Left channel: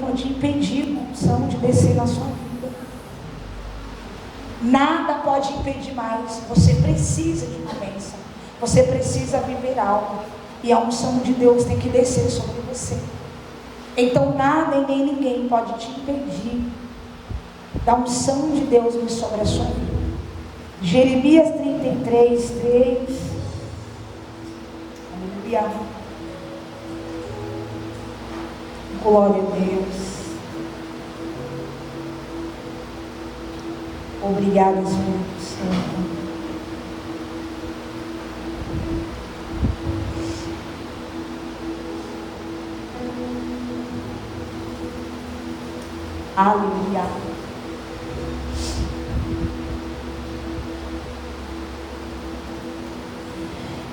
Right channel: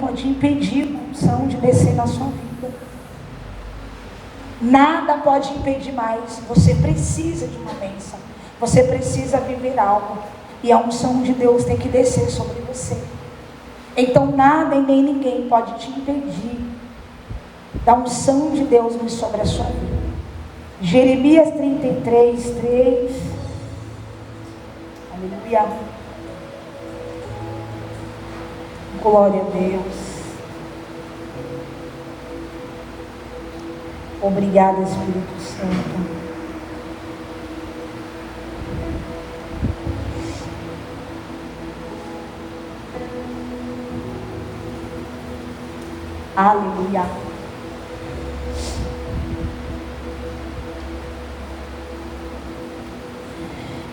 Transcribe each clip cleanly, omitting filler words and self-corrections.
pode impedir a unção de descer na sua vida. Nada pode impedir mais. Você precisa de uma bênção. Você precisa viver algo. E a unção de Deus tem que descer sobre você. Então nada e nem ninguém pode te impedir da unção de Deus vir sobre a sua vida. Jeremias 33, 3. Aleluia. Glória a Deus. Obrigada, Espírito Santo. Aleluia.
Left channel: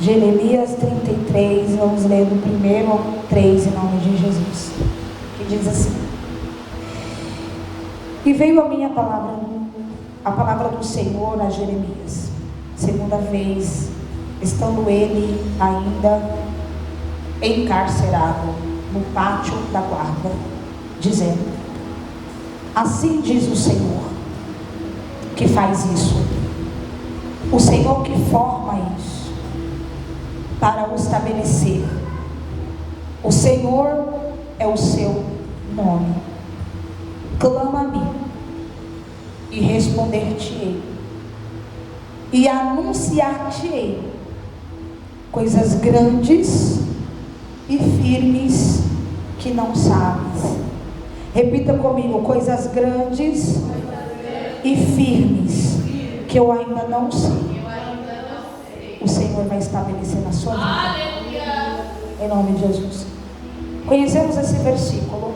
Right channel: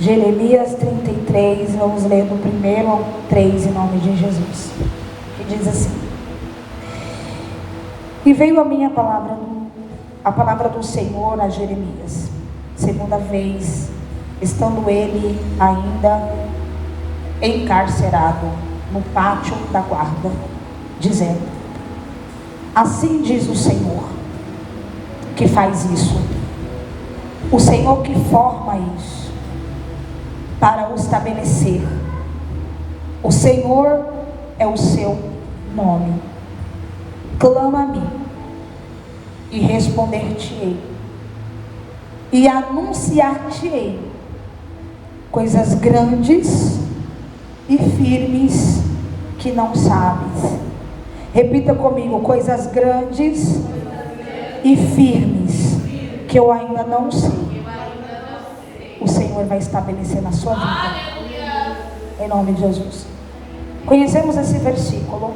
Jeremias 33, vamos ler do 1 ao 3 em nome de Jesus. Que diz assim: E veio a minha palavra, a palavra do Senhor a Jeremias, segunda vez, estando ele ainda encarcerado no pátio da guarda, dizendo: Assim diz o Senhor, que faz isso, o Senhor que forma isso, para o estabelecer. O Senhor é o seu nome. Clama a mim, e responder-te-ei, e anunciar-te-ei coisas grandes e firmes que não sabes. Repita comigo: coisas grandes e firmes que eu ainda não sei. O Senhor vai estabelecer na sua vida. Em nome de Jesus. Conhecemos esse versículo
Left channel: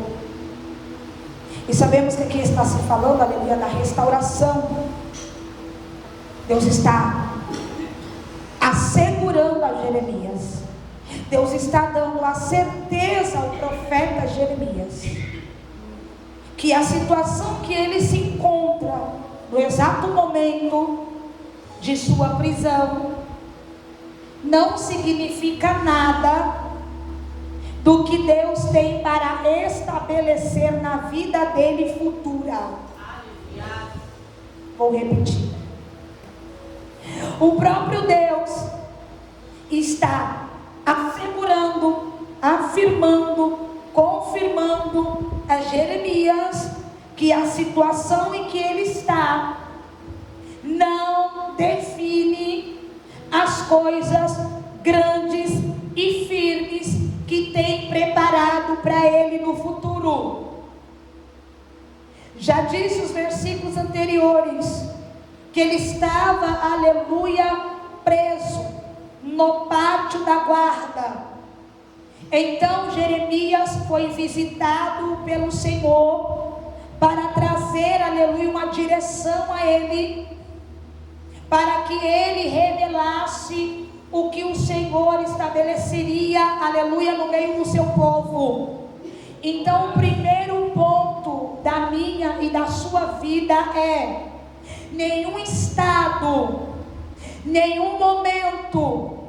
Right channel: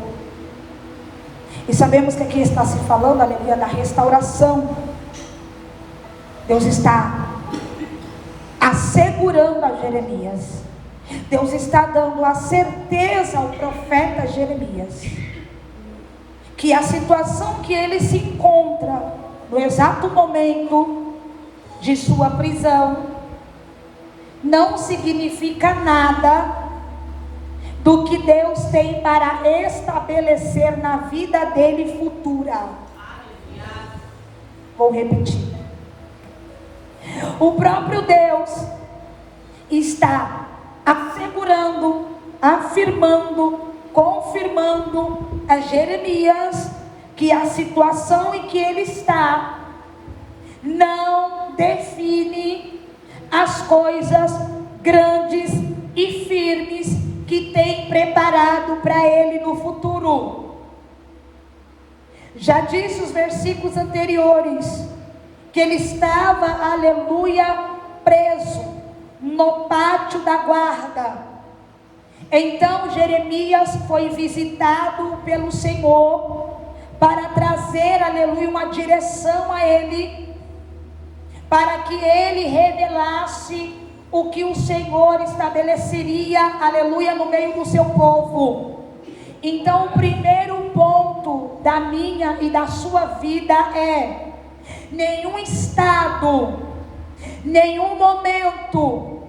e sabemos que aqui está se falando, aleluia, da restauração. Deus está assegurando a Jeremias. Deus está dando a certeza ao profeta Jeremias que a situação que ele se encontra no exato momento de sua prisão não significa nada do que Deus tem para estabelecer na vida dele futura. Vou repetir. O próprio Deus está assegurando, afirmando, confirmando a Jeremias que a situação em que ele está não define as coisas grandes e firmes que tem preparado para ele no futuro. Já disse os versículos anteriores que ele estava, aleluia, preso no pátio da guarda. Então Jeremias foi visitado pelo Senhor para trazer, aleluia, uma direção a ele, para que ele revelasse o que o Senhor estabeleceria, aleluia, no meio do seu povo. Então o primeiro ponto da minha e da sua vida é: nenhum estado, nenhum momento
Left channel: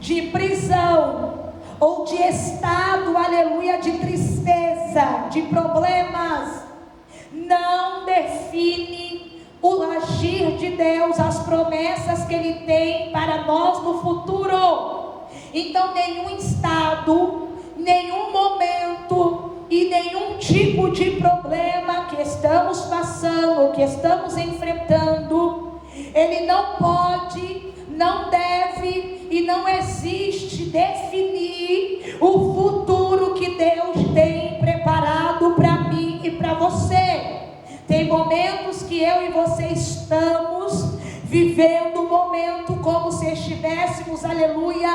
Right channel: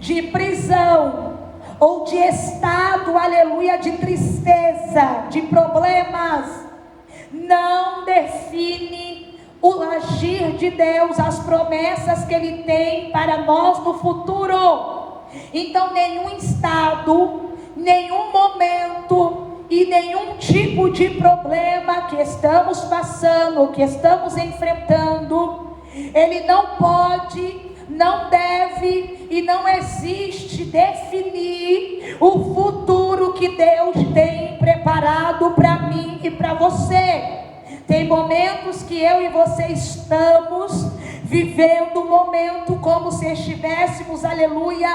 de prisão ou de estado, aleluia, de tristeza, de problemas, não define o agir de Deus, as promessas que Ele tem para nós no futuro. Então nenhum estado, nenhum momento e nenhum tipo de problema que estamos passando, que estamos enfrentando, ele não pode, não deve e não existe definir o futuro que Deus tem preparado para mim e para você. Tem momentos que eu e você estamos vivendo um momento como se estivéssemos, aleluia,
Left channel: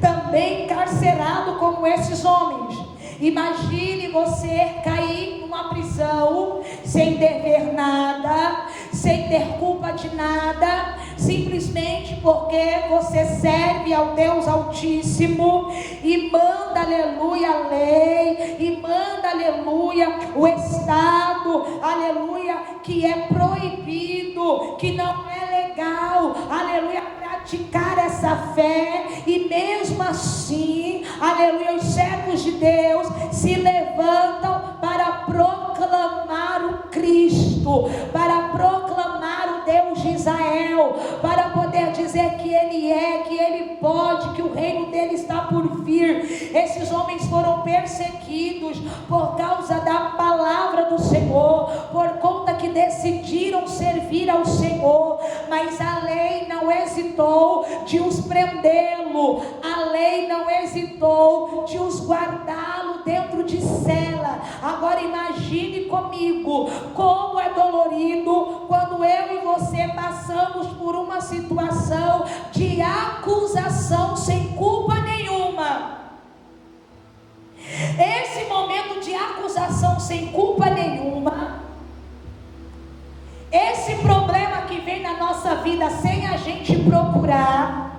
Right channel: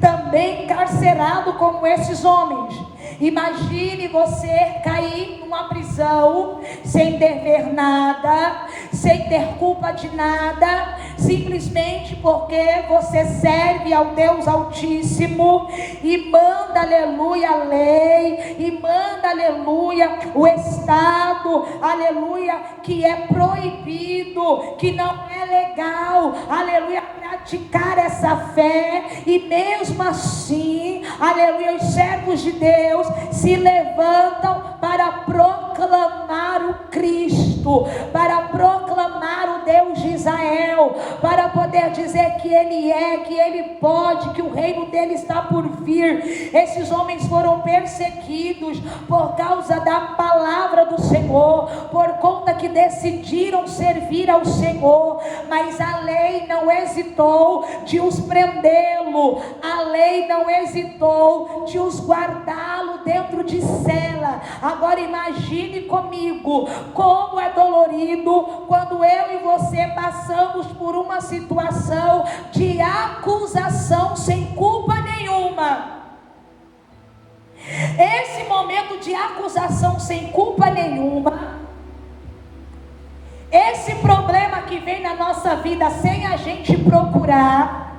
também encarcerado como esses homens. Imagine você cair numa prisão sem dever nada, sem ter culpa de nada, simplesmente porque você serve ao Deus Altíssimo e manda, aleluia, a lei, e manda, aleluia, o estado, aleluia, que é proibido, que não é legal, aleluia, praticar essa fé. E mesmo assim, aleluia, os servos de Deus se levantam para proclamar o Cristo, para proclamar o Deus de Israel, para poder dizer que Ele é, que Ele pode, que o reino dele está por vir. Esses homens foram perseguidos por causa da palavra do Senhor, por conta que decidiram servir ao Senhor, mas a lei não hesitou de os prendê-lo, a lei não hesitou de os guardá-lo dentro de cela. Agora imagine comigo como é dolorido quando eu e você passamos por uma situação de acusação sem culpa nenhuma. Esse momento de acusação sem culpa nenhuma, esse problema que vem na nossa vida sem a gente procurar,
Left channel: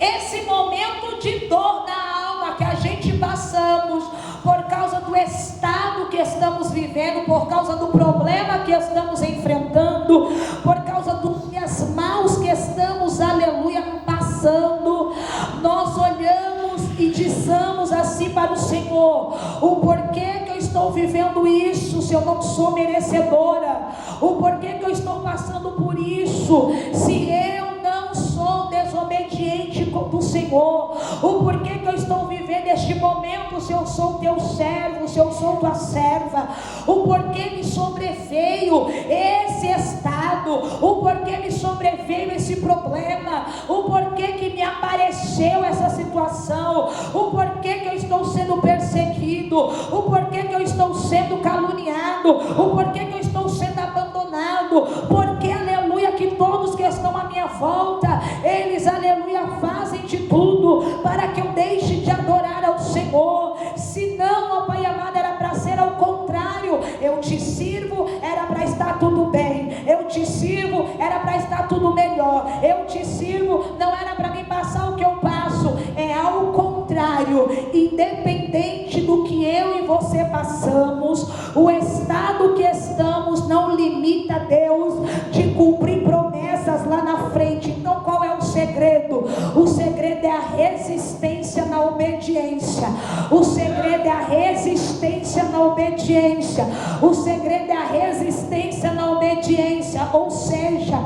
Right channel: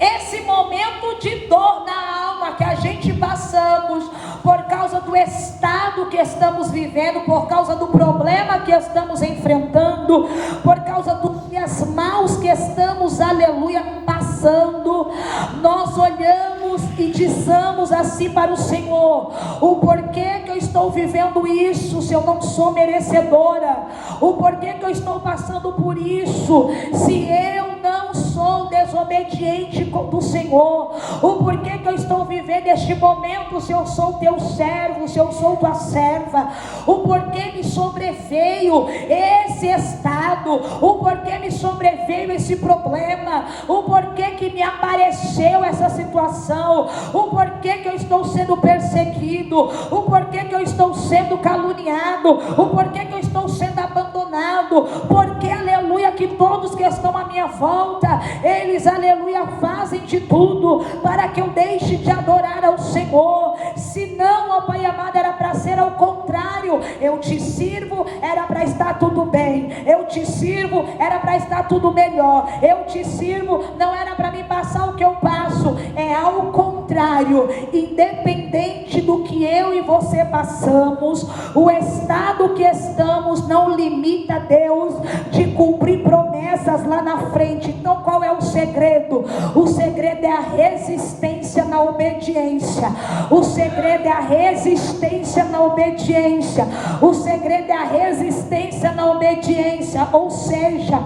esse momento de dor na alma que a gente passamos por causa do estado que estamos vivendo, por causa do problema que estamos enfrentando, por causa dos dias maus que estamos, aleluia, passando, nós olhamos e dizemos assim para o Senhor: o porquê que eu estou vivendo isso se eu não sou merecedora? O porquê que eu estou passando por isso se eu não sou desobediente do Senhor? O porquê que eu estou vivendo este momento se eu sou teu servo, se eu sou tua serva? O porquê me sobreveio esse estado? O porquê me sobreveio esse problema? O porquê que me apareceu essa situação? O porquê que eu estou sendo perseguido? O porquê que eu estou sendo caluniado? O porquê que eu estou sendo abandonado? Porque, aleluia, que todos que estão à minha volta, eles, aleluia, fazem de tudo para que eu deixe de adorar ao Senhor. Se não, ó Pai amado, era para ser ao contrário. Eu te sirvo, era para estar tudo bem. Eu te sirvo, era para estar tudo melhor. Eu te sirvo, não era para me passar o que eu passo. É ao contrário. Independente do que eu e você passamos, o estado que estamos não limita Deus de cumprir promessas lá na frente. Então qual é o segredo? O segredo é a resistência na obediência. O segredo é a resistência na obediência. O segredo é a resistência na obediência. Ou seja,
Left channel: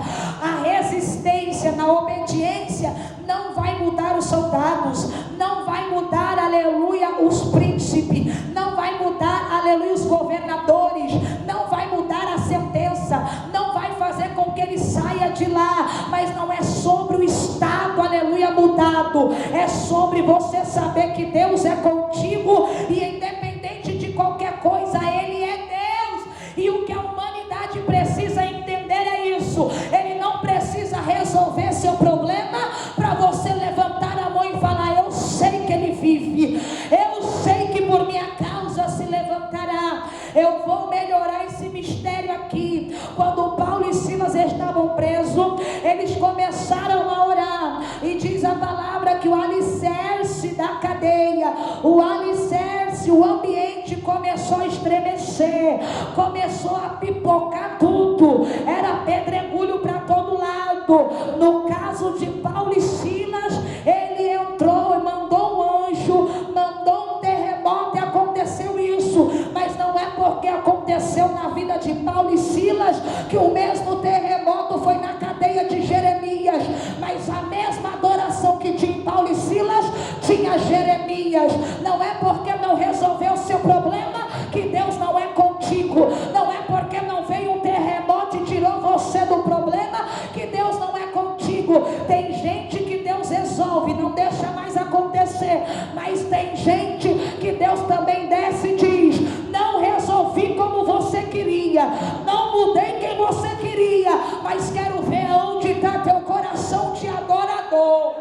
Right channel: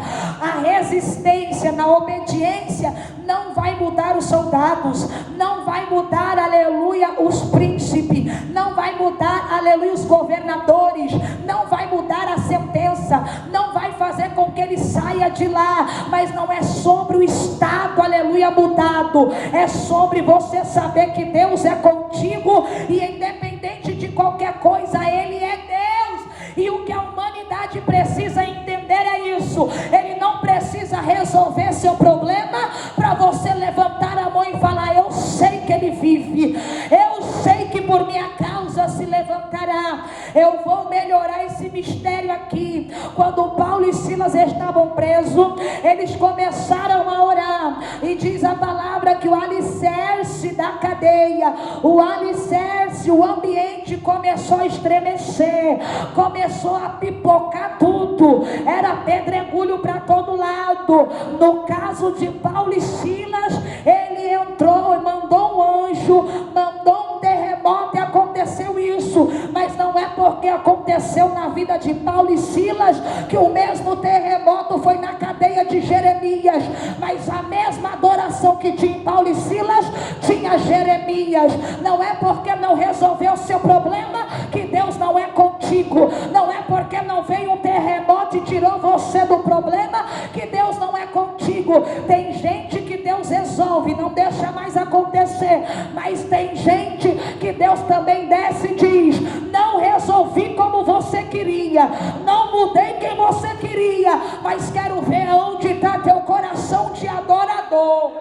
a resistência na obediência não vai mudar os soldados, não vai mudar, aleluia, os príncipes, não vai mudar, aleluia, os governadores, não vai mudar a sentença, não vai fazer com que ele saia de lá. Mas não é sobre o estado, aleluia, mudado, é sobre você saber que Deus é contigo e independente de qualquer coisa, Ele é Deus. E o que a humanidade precisa entender é isso. Ele não precisa resolver seu problema para você levantar a mão e falar: eu sei que Ele vive, eu sei que por minha causa se levantará, eu vou melhorar esse mistério aqui. Quando Paulo e Silas estavam presos, eles começaram a orar, e diz a palavra que o alicerce da cadeia, o alicerce, o ambiente começou a estremecer, começou a pipocar tudo, era pedregulho para todo lado. No caso de Paulo e Silas, ele entrou, mandou um anjo, mandou um terremoto e aconteceu isso. Mas não é porque aconteceu na vida de Paulo e Silas que o mesmo terremoto foi na cadeia de Jeremias. Mas a mesma adoração que tinha Paulo e Silas tinha Jeremias. Não é porque não resolveu o seu problema que Deus não é contigo. Não é porque não veio um terremoto e tirou você do problema que Deus não é contigo. Tem gente que Deus resolve, não deixa mais acontecer, mas tem gente que Deus também desce e diz: não resolvi como você queria, não mudei quem você queria, mas quero ver aonde está teu coração de adorador.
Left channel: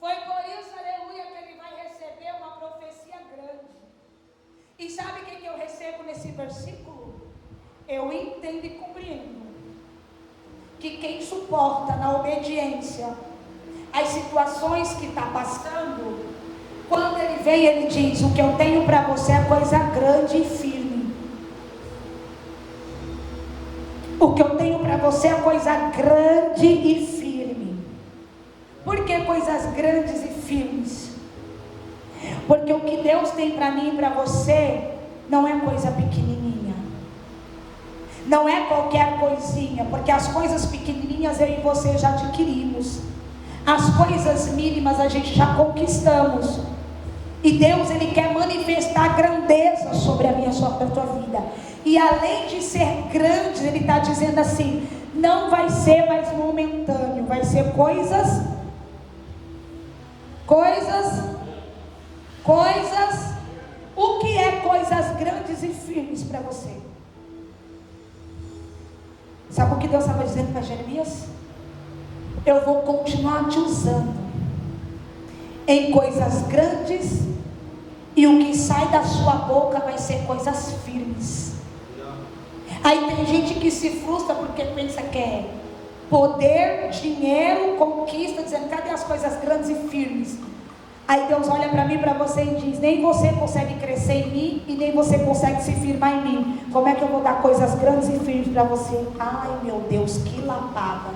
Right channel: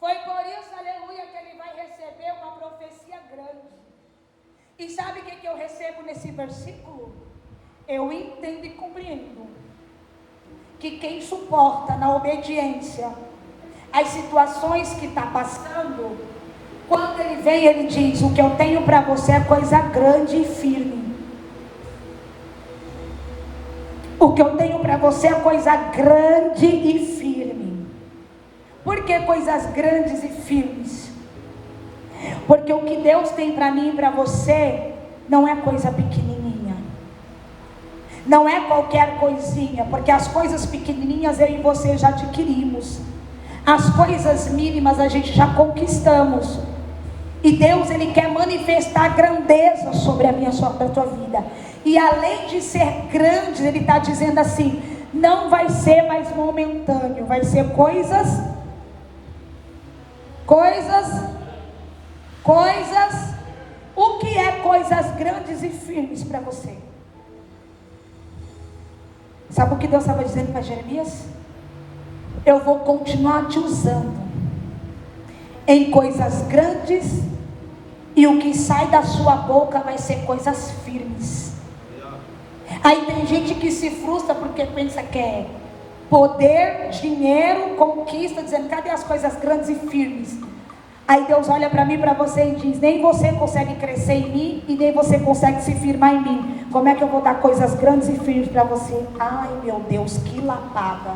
Foi por isso, aleluia, que ele vai receber uma profecia grande. E sabe o que eu recebo nesse versículo? Eu entendo e compreendo que quem suporta na obediência as situações que está passando, quando ele vem, ele diz: o que eu tenho para você é coisa grande e firme. O que eu tenho para você é coisa grande e firme. Por que coisas grandes e firmes? Porque o que Deus tem para mim e para você não é coisa pequenininha, não é qualquer coisinha, porque as coisas pequenininhas eu e você já adquirimos, as coisas mínimas a gente já conquistamos. E Deus, Ele quer manifestar grandeza sobre a minha, sobre a tua vida. E além de ser grande, Ele está dizendo assim, não vai ser mais momentâneo, vai ser coisas. O que é coisas grandes e firmes para você? Sabe o que Deus estava dizendo para Jeremias? Eu vou continuar te usando em coisas grandes, e o que sai da sua boca vai ser coisas firmes. Aí tem gente que se frustra porque pensa que é poder, dinheiro, conquista, dizendo, cadê as coisas grandes e firmes? Aí Deus olha para mim, para você e diz, nem você consegue crescer em mim, e nem você consegue se firmar em mim. Como é que eu vou dar coisas grandes e firmes para você? Ai meu Deus, que lapada.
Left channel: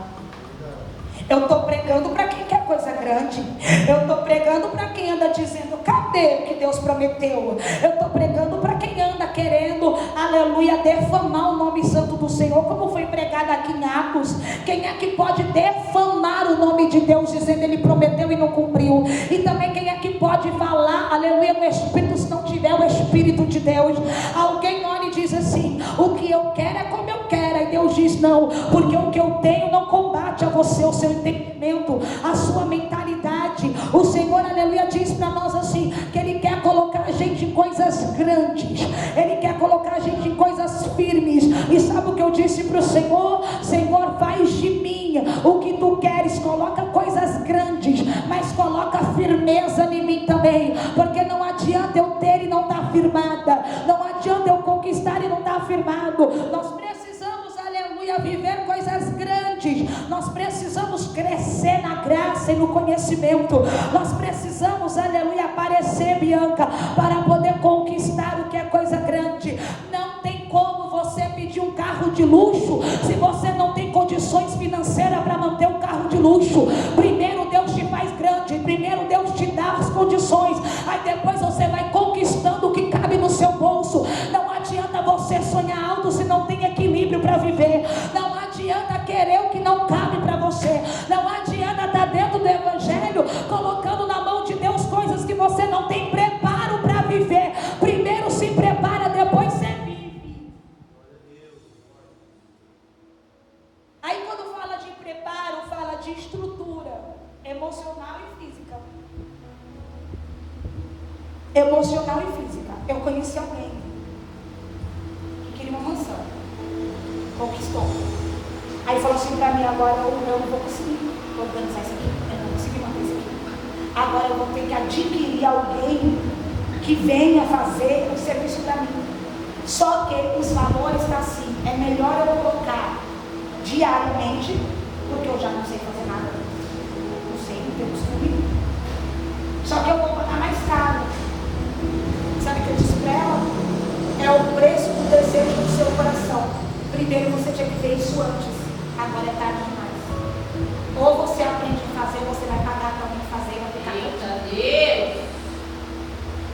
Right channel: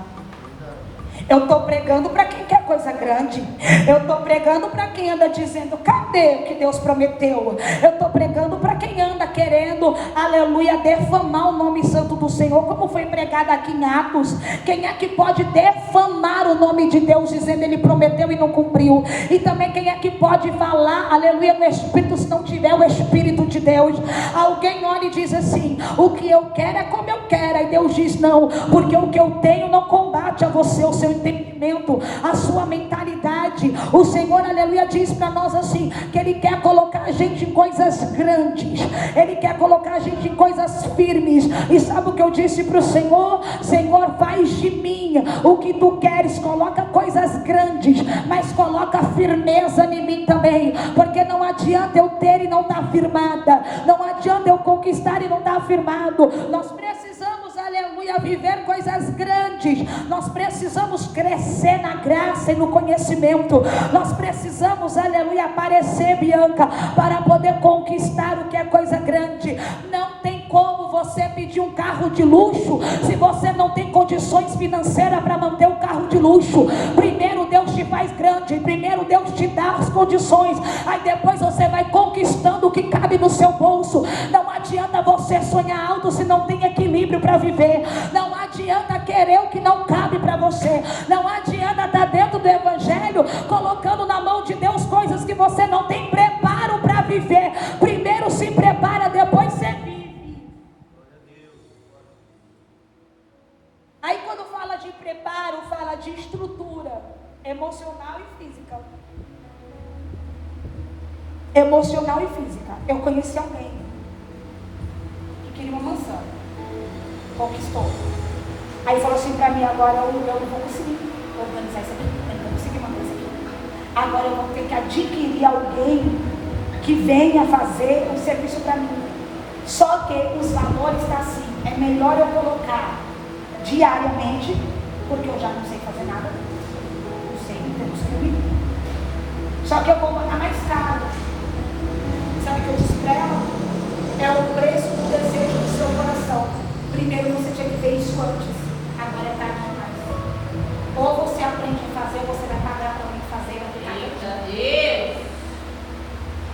Eu estou pregando para quem quer coisa grande. Eu estou pregando para quem anda dizendo, cadê o que Deus prometeu? Eu estou pregando para quem anda querendo, aleluia, defamar o nome santo do Senhor, como foi pregado aqui em Atos. Quem é que pode defamar o nome de Deus, dizendo Ele prometeu e não cumpriu? E também quem é que pode falar, aleluia, no Espírito, se não tiver o Espírito de Deus? Alguém olha e diz assim, o que eu quero é como eu quero. Aí Deus diz, não, porque o que eu tenho não combate a você, o seu entendimento, a sua mentalidade. O Senhor, aleluia, diz para nós assim, que Ele quer colocar a gente em coisas grandes, Ele quer colocar a gente em coisas firmes. E sabe o que eu disse para o Senhor? Senhor, faz de mim o que Tu queres, coloca coisas grandes, mas coloca firmeza em mim também, porque não adianta eu ter e não estar firmada, não adianta eu conquistar e não estar firmado. Nós precisamos, aleluia, viver coisas grandes, nós precisamos crescer na graça e no conhecimento, nós precisamos, aleluia, aparecer, Bianca, para poder conquistar o que é coisa grande. Não tem como você pedir um carro de luxo se você não tem condições financeiras para manter o carro de luxo. Primeiro Deus te faz grande, primeiro Deus te dá as condições, aí depois você vai conquistando o que cabe no seu bolso. Não adianta você sonhar alto se não tem equilíbrio para viver. Não adianta querer o que não cabe para você. Não adianta estar dentro do Evangelho colocando na mão de Deus coisas que você não tem preparo para viver. Primeiro se prepara, depois você vive. Aí quando fala de preparo, fala de estrutura emocional e física. Emocional e física. Eu conheci alguém que queria uma mansão, conquistou. Aí falou assim para mim, agora eu não vou conseguir organizar isso aqui, eu não vou conseguir manter isso aqui. Agora eu vou ter que adquirir alguém que venha fazer o serviço para mim. Só que os valores estão assim, é melhor eu colocar diariamente, porque eu já não sei fazer nada, não sei, não tenho costume. Só que eu vou pagar mais caro. Sabe o que eu disse para ela? É o preço do desejo do seu coração. Primeiro você tinha que ver isso antes. Agora é tarde demais. Ou você aprende a fazer, ou você vai pagar para alguém fazer, vai ficar Deus.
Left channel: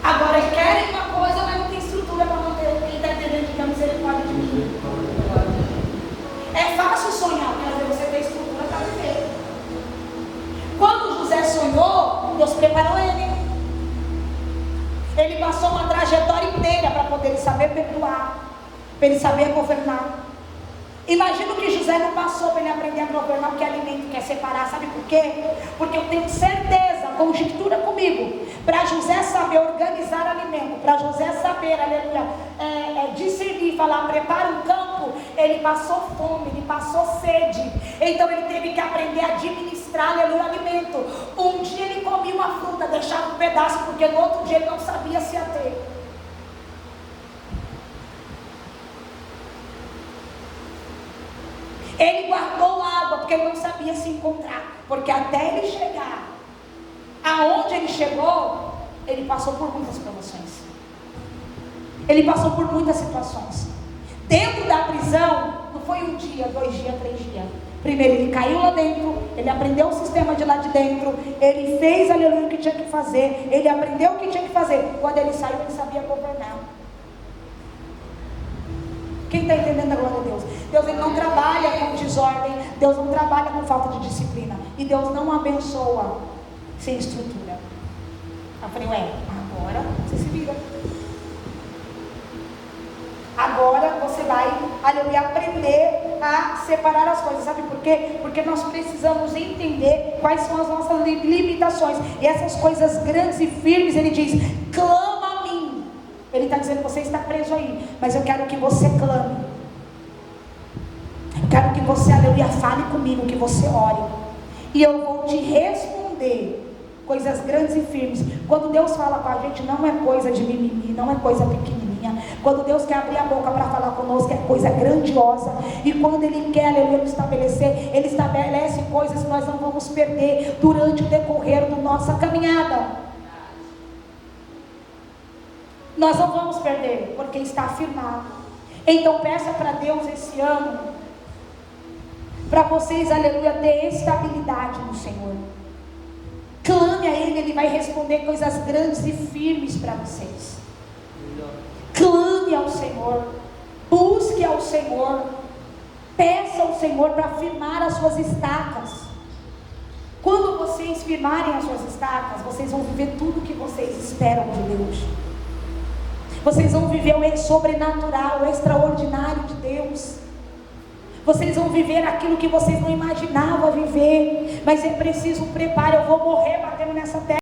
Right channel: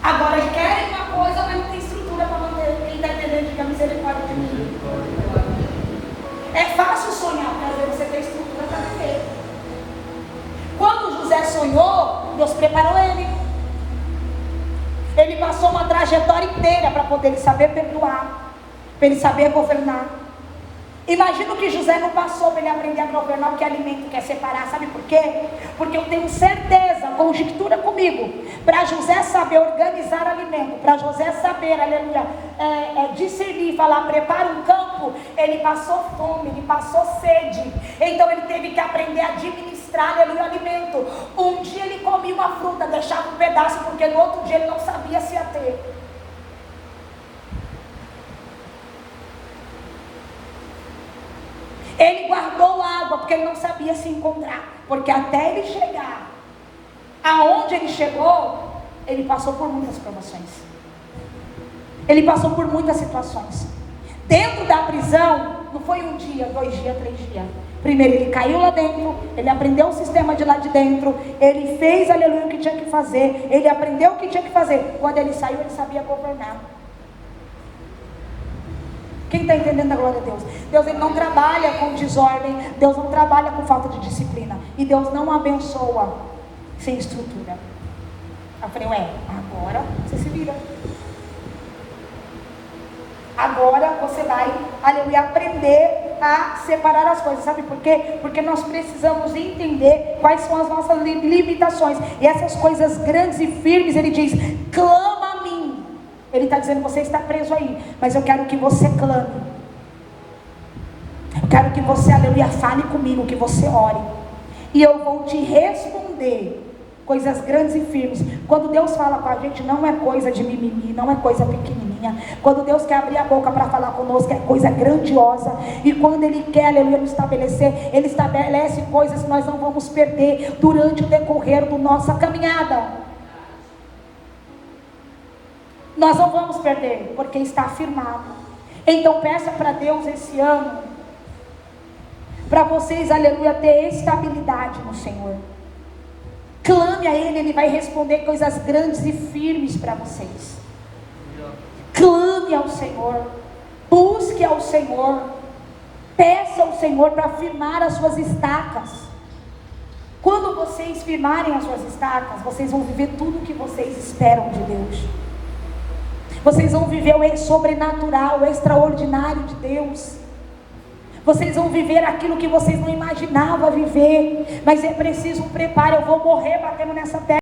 Agora querem uma coisa, mas não tem estrutura para manter. Quem está entendendo que a misericórdia de mim? É fácil sonhar, mas você tem estrutura para viver. Quando José sonhou, Deus preparou ele. Ele passou uma trajetória inteira para poder saber perdoar, para ele saber governar. Imagina que José não passou para ele aprender a governar o que é alimento, quer separar, sabe por quê? Porque eu tenho certeza, conjectura comigo, para José saber organizar alimento, para José saber, aleluia, discernir, falar, prepara um campo, ele passou fome, ele passou sede, então ele teve que aprender a administrar, aleluia, alimento. Um dia ele comia uma fruta, deixava um pedaço, porque no outro dia ele não sabia se ia ter. Ele guardou água porque ele não sabia se encontrar, porque até ele chegar aonde ele chegou, ele passou por muitas provações, ele passou por muitas situações. Dentro da prisão, não foi um dia, 2 dias, 3 dias, Primeiro ele caiu lá dentro, ele aprendeu o sistema de lá de dentro, ele fez, aleluia, o que tinha que fazer, ele aprendeu o que tinha que fazer. Quando ele saiu, ele sabia governar. Quem está entendendo a glória de Deus? Deus, ele não trabalha com desordem, Deus não trabalha com falta de disciplina, e Deus não abençoa sem estrutura. Eu falei, agora você se vira. Agora você vai, aleluia, aprender a separar as coisas. Sabe por quê? Porque nós precisamos entender quais são as nossas limitações. E essas coisas grandes e firmes, ele diz, clama a mim. Ele está dizendo, você está preso aí, mas eu quero que você clame. Eu quero que você, aleluia, fale comigo, que você ore. E eu vou te responder coisas grandes e firmes. Quando Deus fala com a gente, não é coisa de mimimi, não é coisa pequenininha. Quando Deus quer abrir a boca para falar conosco, é coisa grandiosa. E quando Ele quer, aleluia, estabelecer, Ele estabelece coisas que nós não vamos perder durante o decorrer da nossa caminhada. Nós não vamos perder, porque está afirmado. Então peça para Deus esse ano, para vocês, aleluia, ter estabilidade no Senhor. Clame a Ele, Ele vai responder coisas grandes e firmes para vocês. Clame ao Senhor, busque ao Senhor, peça ao Senhor para firmar as suas estacas. Quando vocês firmarem as suas estacas, vocês vão viver tudo o que vocês esperam de Deus. Vocês vão viver o sobrenatural, o extraordinário de Deus. Vocês vão viver aquilo que vocês não imaginavam viver. Mas é preciso um preparo. Eu vou morrer batendo nessa terra.